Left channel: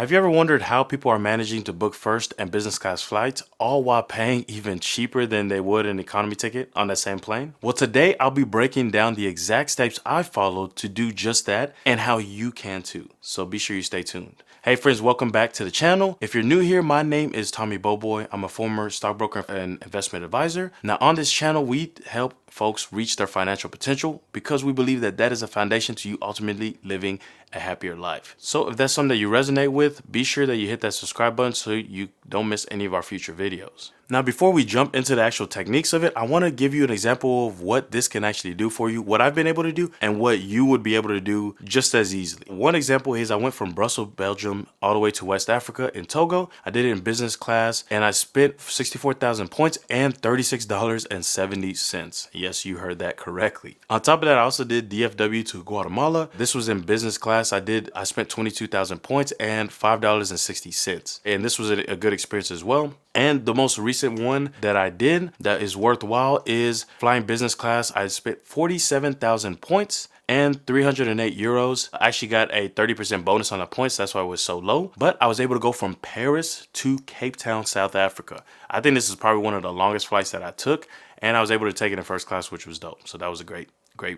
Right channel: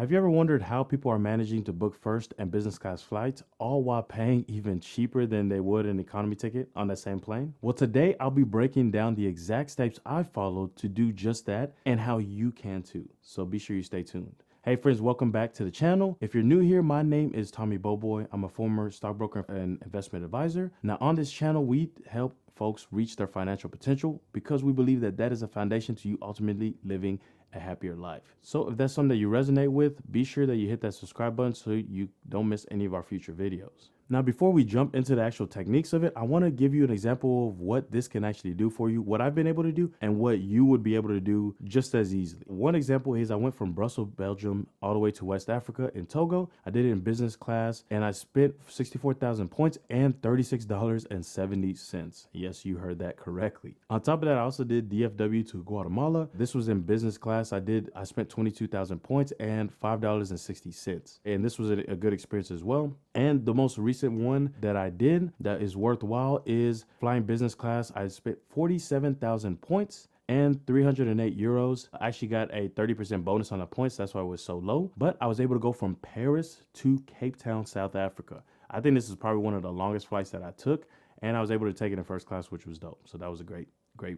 Have you ever wondered how people are managing to book first and business class flights, all while paying even cheaper than they would an economy ticket on that same plane? Well, today I'll be breaking down the exact steps I followed to do just that and how you can too. So be sure you stay tuned. Hey friends, welcome back to the channel. If you're new here, my name is Tommy Boboy. I'm a former stockbroker and investment advisor. Now on this channel, we help folks reach their financial potential because we believe that that is a foundation to you ultimately living a happier life. So if that's something that you resonate with, be sure that you hit that subscribe button so you don't miss any of our future videos. Now, before we jump into the actual techniques of it, I want to give you an example of what this can actually do for you, what I've been able to do, and what you would be able to do just as easily. One example is I went from Brussels, Belgium, all the way to West Africa in Togo. I did it in business class, and I spent 64,000 points and $36.70. Yes, you heard that correctly. On top of that, I also did DFW to Guatemala. This was in business class. I spent 22,000 points and $5.60. And this was a good experience as well. And the most recent one that I did that is worthwhile is flying business class. I spent 47,000 points and 308 euros. I actually got a 30% bonus on the points. That's why it was so low. But I was able to go from Paris to Cape Town, South Africa. I think this is probably one of the longest flights that I took. And I was able to take it in first class, which was dope. So that was a great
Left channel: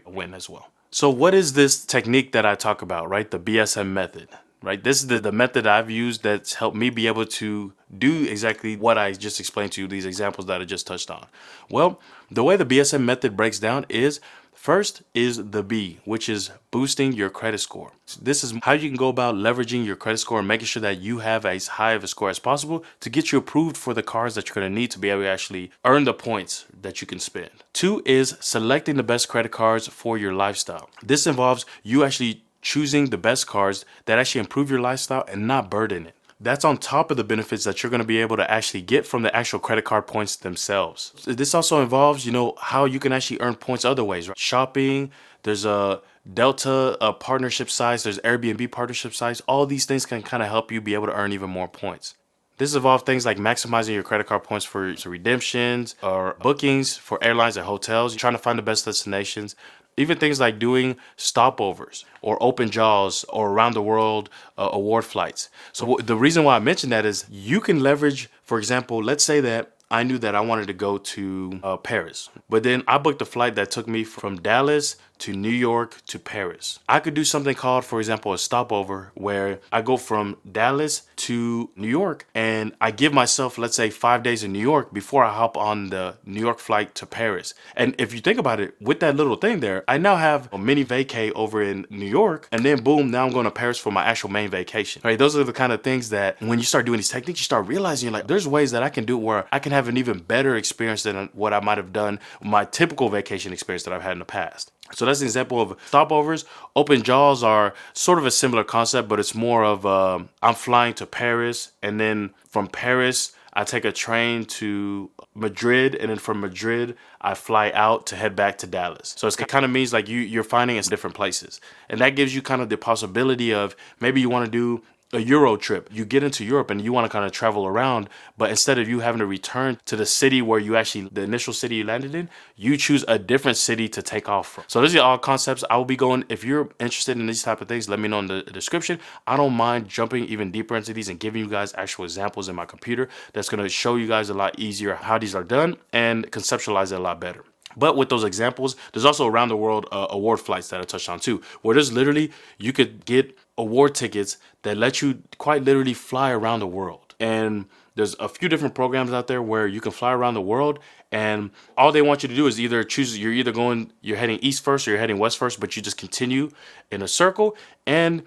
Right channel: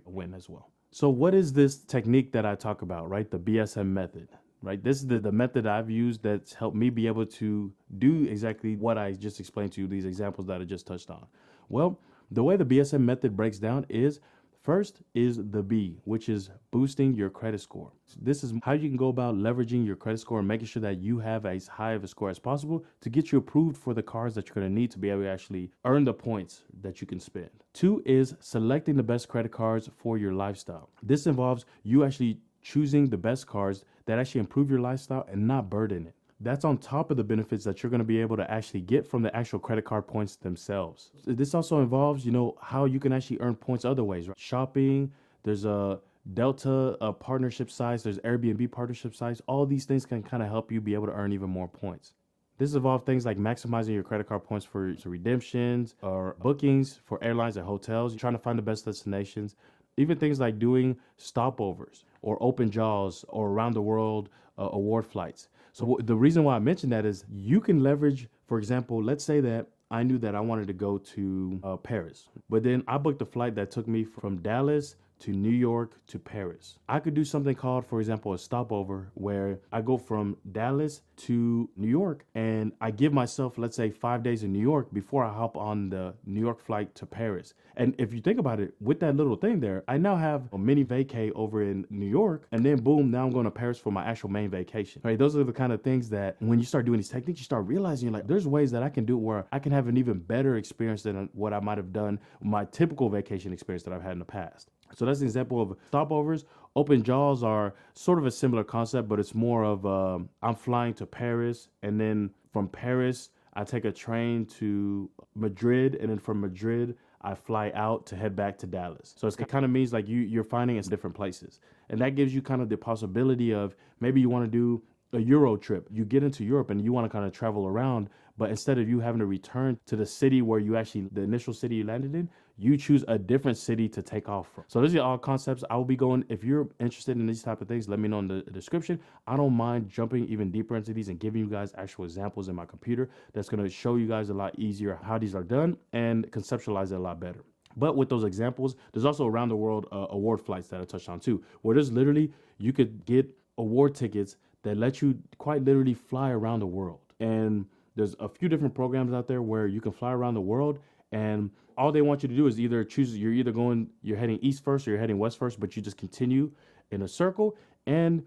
win as well. So what is this technique that I talk about, right? The BSM method. Right, this is the method I've used that's helped me be able to do exactly what I just explained to you, these examples that I just touched on. Well, the way the BSM method breaks down is first is the B, which is boosting your credit score. This is how you can go about leveraging your credit score and making sure that you have as high of a score as possible to get you approved for the cards that you're going to need to be able to actually earn the points that you can spend. Two is selecting the best credit cards for your lifestyle. This involves you actually choosing the best cards that actually improve your lifestyle and not burden it. That's on top of the benefits that you're going to be able to actually get from the actual credit card points themselves. This also involves, how you can actually earn points other ways, right? Shopping, there's a Delta partnership sites, there's Airbnb partnership sites. All these things can kind of help you be able to earn even more points. This involves things like maximizing your credit card points for redemptions or bookings for airlines and hotels. You're trying to find the best destinations. Even things like doing stopovers or open jaws or around the world award flights. So the reason why I mentioned that is you can leverage, for example, let's say that I knew that I wanted to go to Paris, but then I booked a flight that took me from Dallas to New York to Paris. I could do something called, for example, a stopover where I go from Dallas to New York and I give myself, let's say, 5 days in New York before I hop on the New York flight to Paris. And if you think about it, with that little thing there, I now have a mini vacay over in New York, and then boom, now I'm going to Paris for my actual main vacation. Right? Those are the kind of things that when you start doing these techniques, you start realizing like there's ways that I can do it where I can have an even better experience than what I might have done my typical vacation experience that I've had in the past. So that's an example of stopovers. Open jaws are sort of a similar concept, but it's more of I'm flying to Paris, and then from Paris, I take a train to Madrid, and then from Madrid, I fly out to head back to Dallas. So it kind of means like you're finding in different places. And that gives you kind of the possibility of maybe you want to do a Euro trip. You get into Europe and you want to kind of travel around, but instead of you having to return to the city where the initial city you landed in, you choose a different city to take off from. So these are all concepts I will be going. If you're interested in these type of things, let me know in the description. I don't mind jumping even deeper into these and giving you guys actual examples in my computer that's going to show you guys a lot easier how these are done and conceptualize it a lot better. But with those examples, there's also around the world award flights that I touched on too, where there's literally, you could get award tickets that let you quite literally fly around the world. And there's a few different programs out there where you can fly around the world, and all they want you to do is either choose, you're heading east first or you're heading west first, but you just continue in a circle. And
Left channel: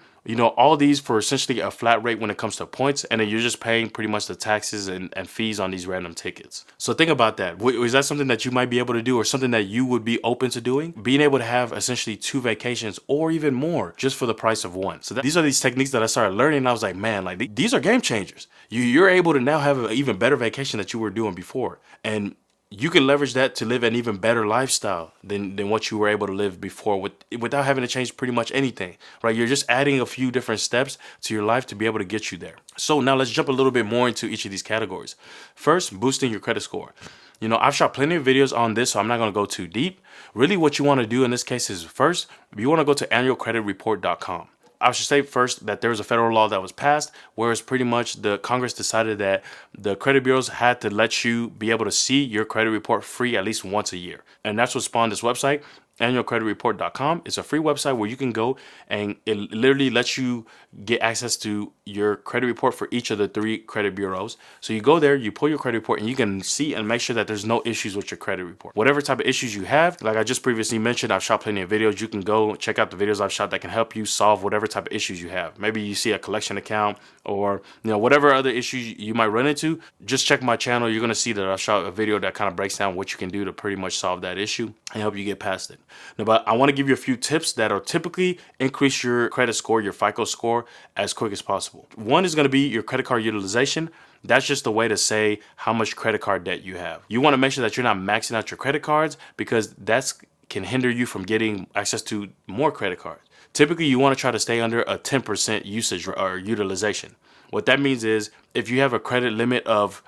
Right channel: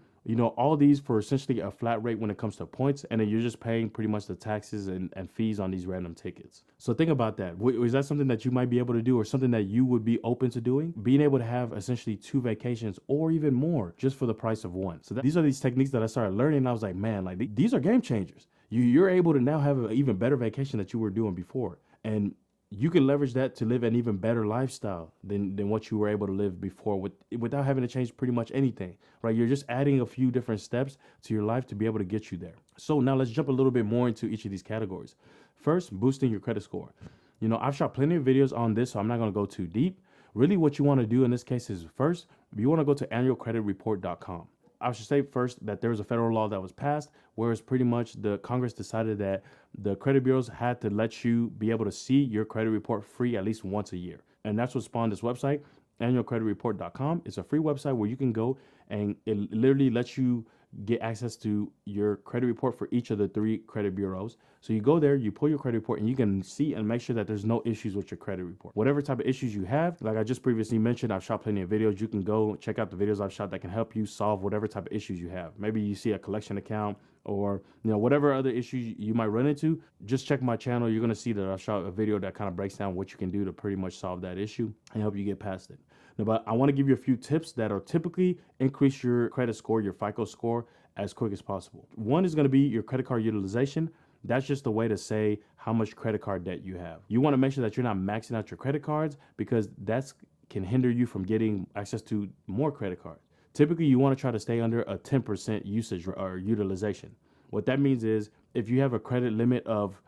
all these for essentially a flat rate when it comes to points, and then you're just paying pretty much the taxes and fees on these random tickets. So think about that. Is that something that you might be able to do, or something that you would be open to doing? Being able to have essentially 2 vacations or even more just for the price of one. So these are these techniques that I started learning, and I was like, man, like these are game changers. You're able to now have an even better vacation that you were doing before. And you can leverage that to live an even better lifestyle than what you were able to live before without having to change pretty much anything, right? You're just adding a few different steps to your life to be able to get you there. So now let's jump a little bit more into each of these categories. First, boosting your credit score. I've shot plenty of videos on this, so I'm not going to go too deep. Really what you want to do in this case is first, you want to go to annualcreditreport.com. I should say first that there was a federal law that was passed, whereas pretty much the Congress decided that the credit bureaus had to let you be able to see your credit report free at least once a year. And that's what spawned this website. Annualcreditreport.com. It's a free website where you can go and it literally lets you get access to your credit report for each of the 3 credit bureaus. So you go there, you pull your credit report, and you can see and make sure that there's no issues with your credit report. Whatever type of issues you have, like I just previously mentioned, I've shot plenty of videos. You can go check out the videos I've shot that can help you solve whatever type of issues you have. Maybe you see a collection account or whatever other issues you might run into. Just check my channel. You're going to see that I shot a video that kind of breaks down what you can do to pretty much solve that issue and help you get past it. Now, but I want to give you a few tips that will typically increase your credit score, your FICO score, as quick as possible. One is going to be your credit card utilization. That's just a way to say how much credit card debt you have. You want to make sure that you're not maxing out your credit cards because that can hinder you from getting access to more credit cards. Typically, you want to try to stay under a 10% usage or utilization. What that means is if you have a credit limit of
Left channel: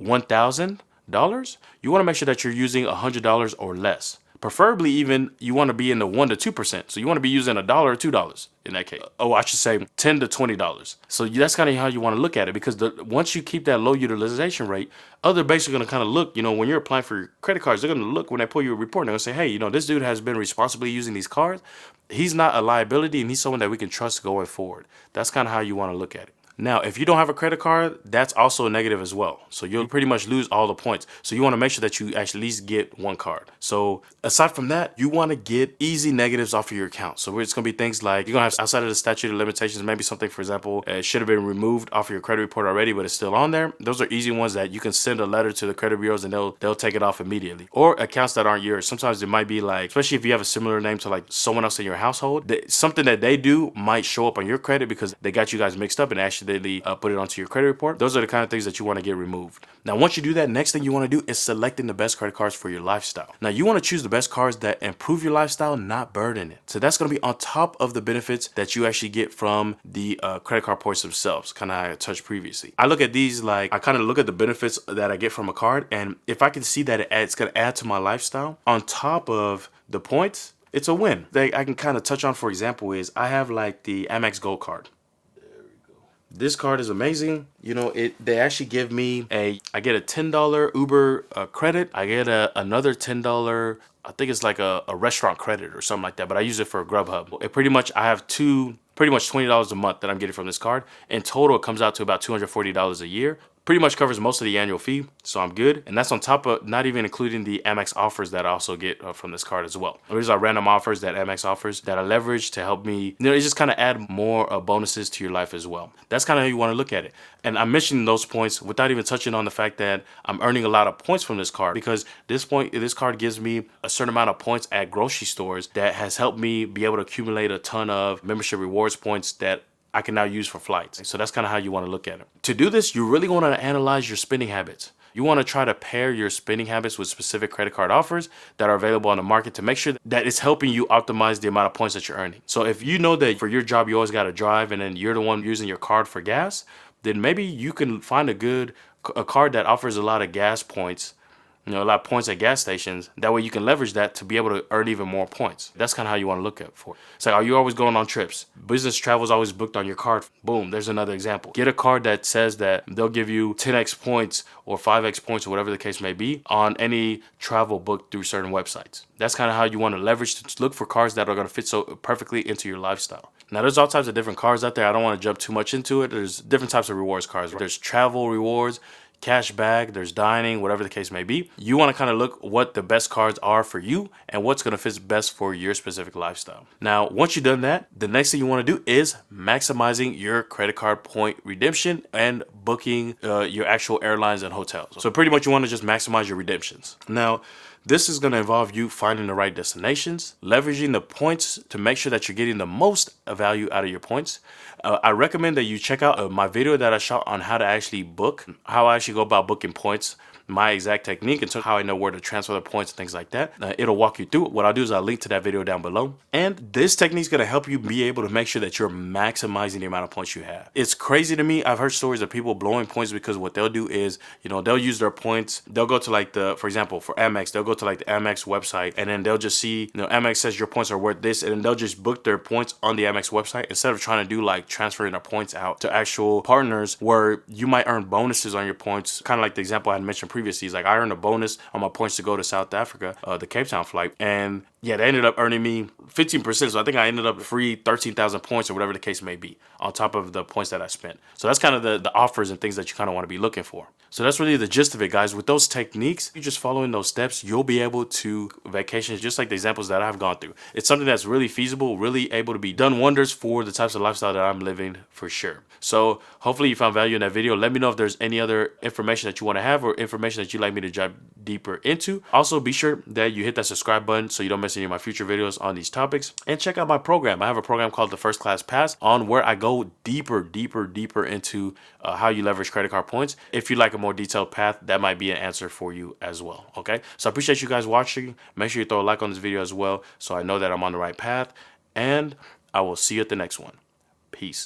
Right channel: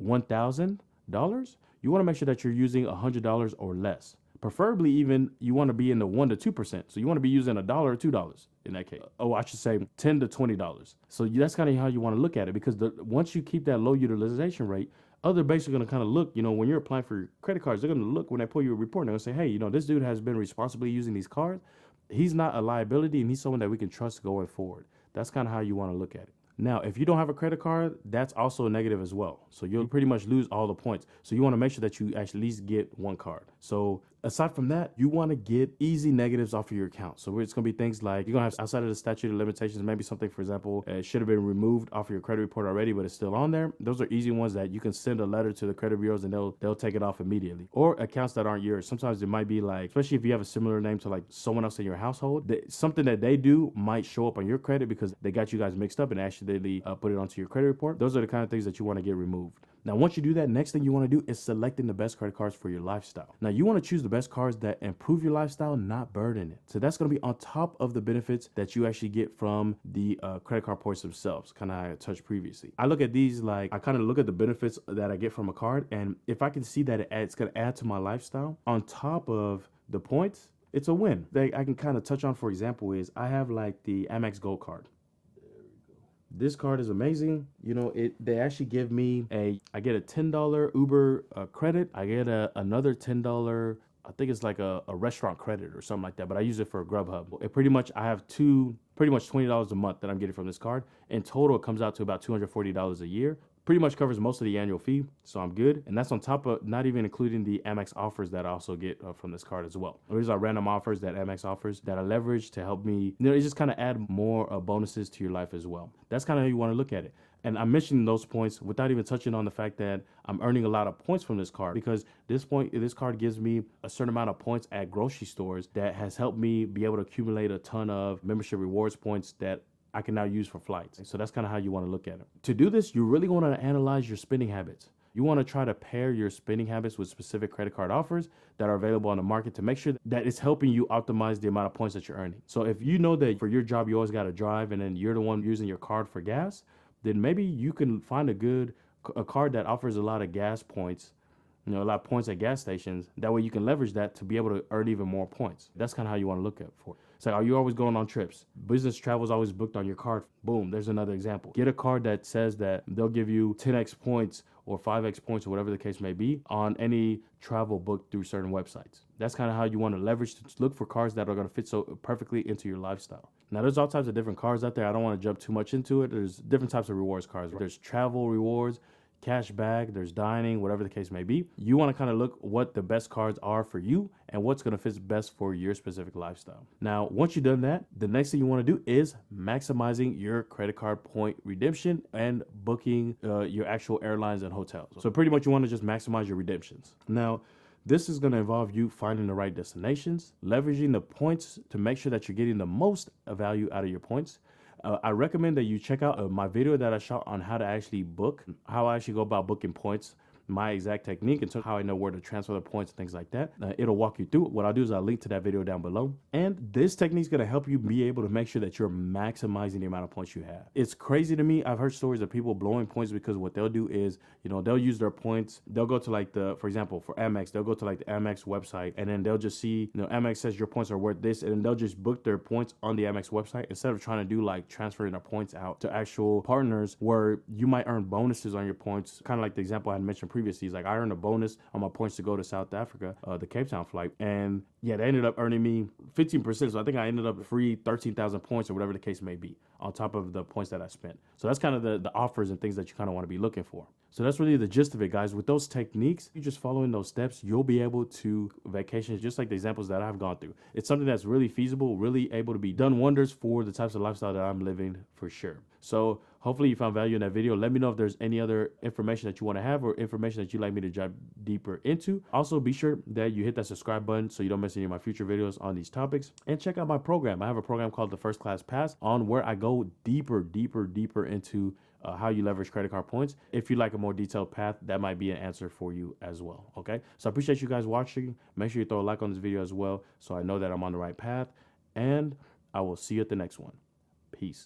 $1,000, you want to make sure that you're using $100 or less. Preferably even you want to be in the 1 to 2%. So you want to be using $1 or $2 in that case. Oh, I should say $10 to $20. So that's kind of how you want to look at it because once you keep that low utilization rate, other banks are going to kind of look, when you're applying for your credit cards, they're going to look when they pull your report and they're going to say, hey, this dude has been responsibly using these cards. He's not a liability and he's someone that we can trust going forward. That's kind of how you want to look at it. Now, if you don't have a credit card, that's also a negative as well. So you'll pretty much lose all the points. So you want to make sure that you at least get one card. So aside from that, you want to get easy negatives off of your account. So it's going to be things like you're going to have outside of the statute of limitations, maybe something, for example, should have been removed off of your credit report already, but it's still on there. Those are easy ones that you can send a letter to the credit bureaus and they'll take it off immediately. Or accounts that aren't yours. Sometimes it might be like, especially if you have a similar name to like someone else in your household, something that they do might show up on your credit because they got you guys mixed up and accidentally put it onto your credit report. Those are the kind of things that you want to get removed. Now, once you do that, next thing you want to do is selecting the best credit cards for your lifestyle. Now, you want to choose the best cards that improve your lifestyle, not burden it. So that's going to be on top of the benefits that you actually get from the credit card points themselves, kind of how I touched previously. I look at these like, I kind of look at the benefits that I get from a card, and if I can see that it's going to add to my lifestyle on top of the points, it's a win. I can kind of touch on, for example, is I have like the Amex Gold card. This card is amazing. They actually give me I get a $10 Uber credit. I get another $10, I think it's like a restaurant credit or something like that, but I use it for Grubhub. I have pretty much $20 a month that I'm getting from this card. In total, it comes out to about $240 a year. Pretty much covers most of the annual fee, so I'm good. And that's on top of not even including the Amex offers that I also get from this card as well. These are random offers that Amex offers that I leverage to help me, it just kind of add more bonuses to your life as well. That's kind of how you want to look at it. And I'm mentioning those points without even touching on the fact that I'm earning a lot of points from this card because this card gives me a certain amount of points at grocery stores that has helped me be able to accumulate a ton of membership rewards points that I can now use for flights. So that's kind of how you want to look at it. To do this, you really want to analyze your spending habits. You want to try to pair your spending habits with specific credit card offers that are available on the market to make sure that it's helping you optimize the amount of points that you're earning. So if you know that for your job, you always got to drive and then you're the one using your card for gas, then maybe you can find a card that offers a lot of gas points, a lot of points at gas stations. That way you can leverage that to be able to earn even more points. That's kind of how you want to look at it for. It's like, are you always going on trips? Business travel is always booked on your card. Boom, there's another example. Get a card that says that they'll give you 10x points or 5x points or whatever the case may be on any travel booked through certain websites. That's kind of how you want to leverage to look for cards that are going to fit so perfectly into your lifestyle. Now, there's all types of different cards out there. I don't want to jump too much into it. There's different types of rewards cards. There's travel rewards, cash back, there's dining, whatever the case may be. You want to kind of look what the best cards are for you and what's going to fit best for your specific lifestyle. Now, once you've done that, the next thing you want to do is maximizing your credit card point redemption and booking your actual airlines and hotels. So pretty much you want to just maximize your redemptions. Now, this is going to involve you finding the right destinations, leveraging the points to make sure that you're getting the most value out of your points. I recommend that you check out my video that I shot on how to actually book, how I actually go about booking points my exact technique and how I know where to transfer the points and things like that. It'll walk you through it. What I'll do is I'll link to that video down below. And this technique is going to help you be able to make sure that you're maximizing the amount of points you have. It's crazy to me. I've heard stories of people blowing points because what they'll do is, they'll use their points. They'll go to for example, for Amex, they'll go to the Amex website, and then they'll just see, Amex says your points are worth this, and then they'll just book their points on the Amex website instead of trying to do transferring their points out to actual partners where you might earn bonuses on your points. Kind of like the example I had mentioned previously. Is I earned a bonus on my points to go to South Africa, the Cape Town flight, and yeah, they ended up earning me 15%. So I think I ended up free 13,000 points or whatever the case may be on top of the points that I spent. So that's kind of the offers and things that you kind of want to be looking for. So that's really the gist of it, guys. With those techniques, you just following those steps, you'll be able to vacations just like the examples that I've gone through. It's something that's really feasible, really able to be done wonders for the types of lifestyle that I'm living for sure. So hopefully you found value in that video. Let me know if there's any other information that you want to have or information that you'd like me to dive deeper into. Also, be sure that you hit that subscribe button so you don't miss any of my future videos on these topics. And check out my program. I have a program called the First Class Pass on where I go deeper into how you leverage credit card points. If you like a more detailed path, that might be an answer for you as well. Okay, so I appreciate you guys watching. Make sure you throw a like on this video as well so I know that I'm on the right path. And I will see you at the next one. Peace.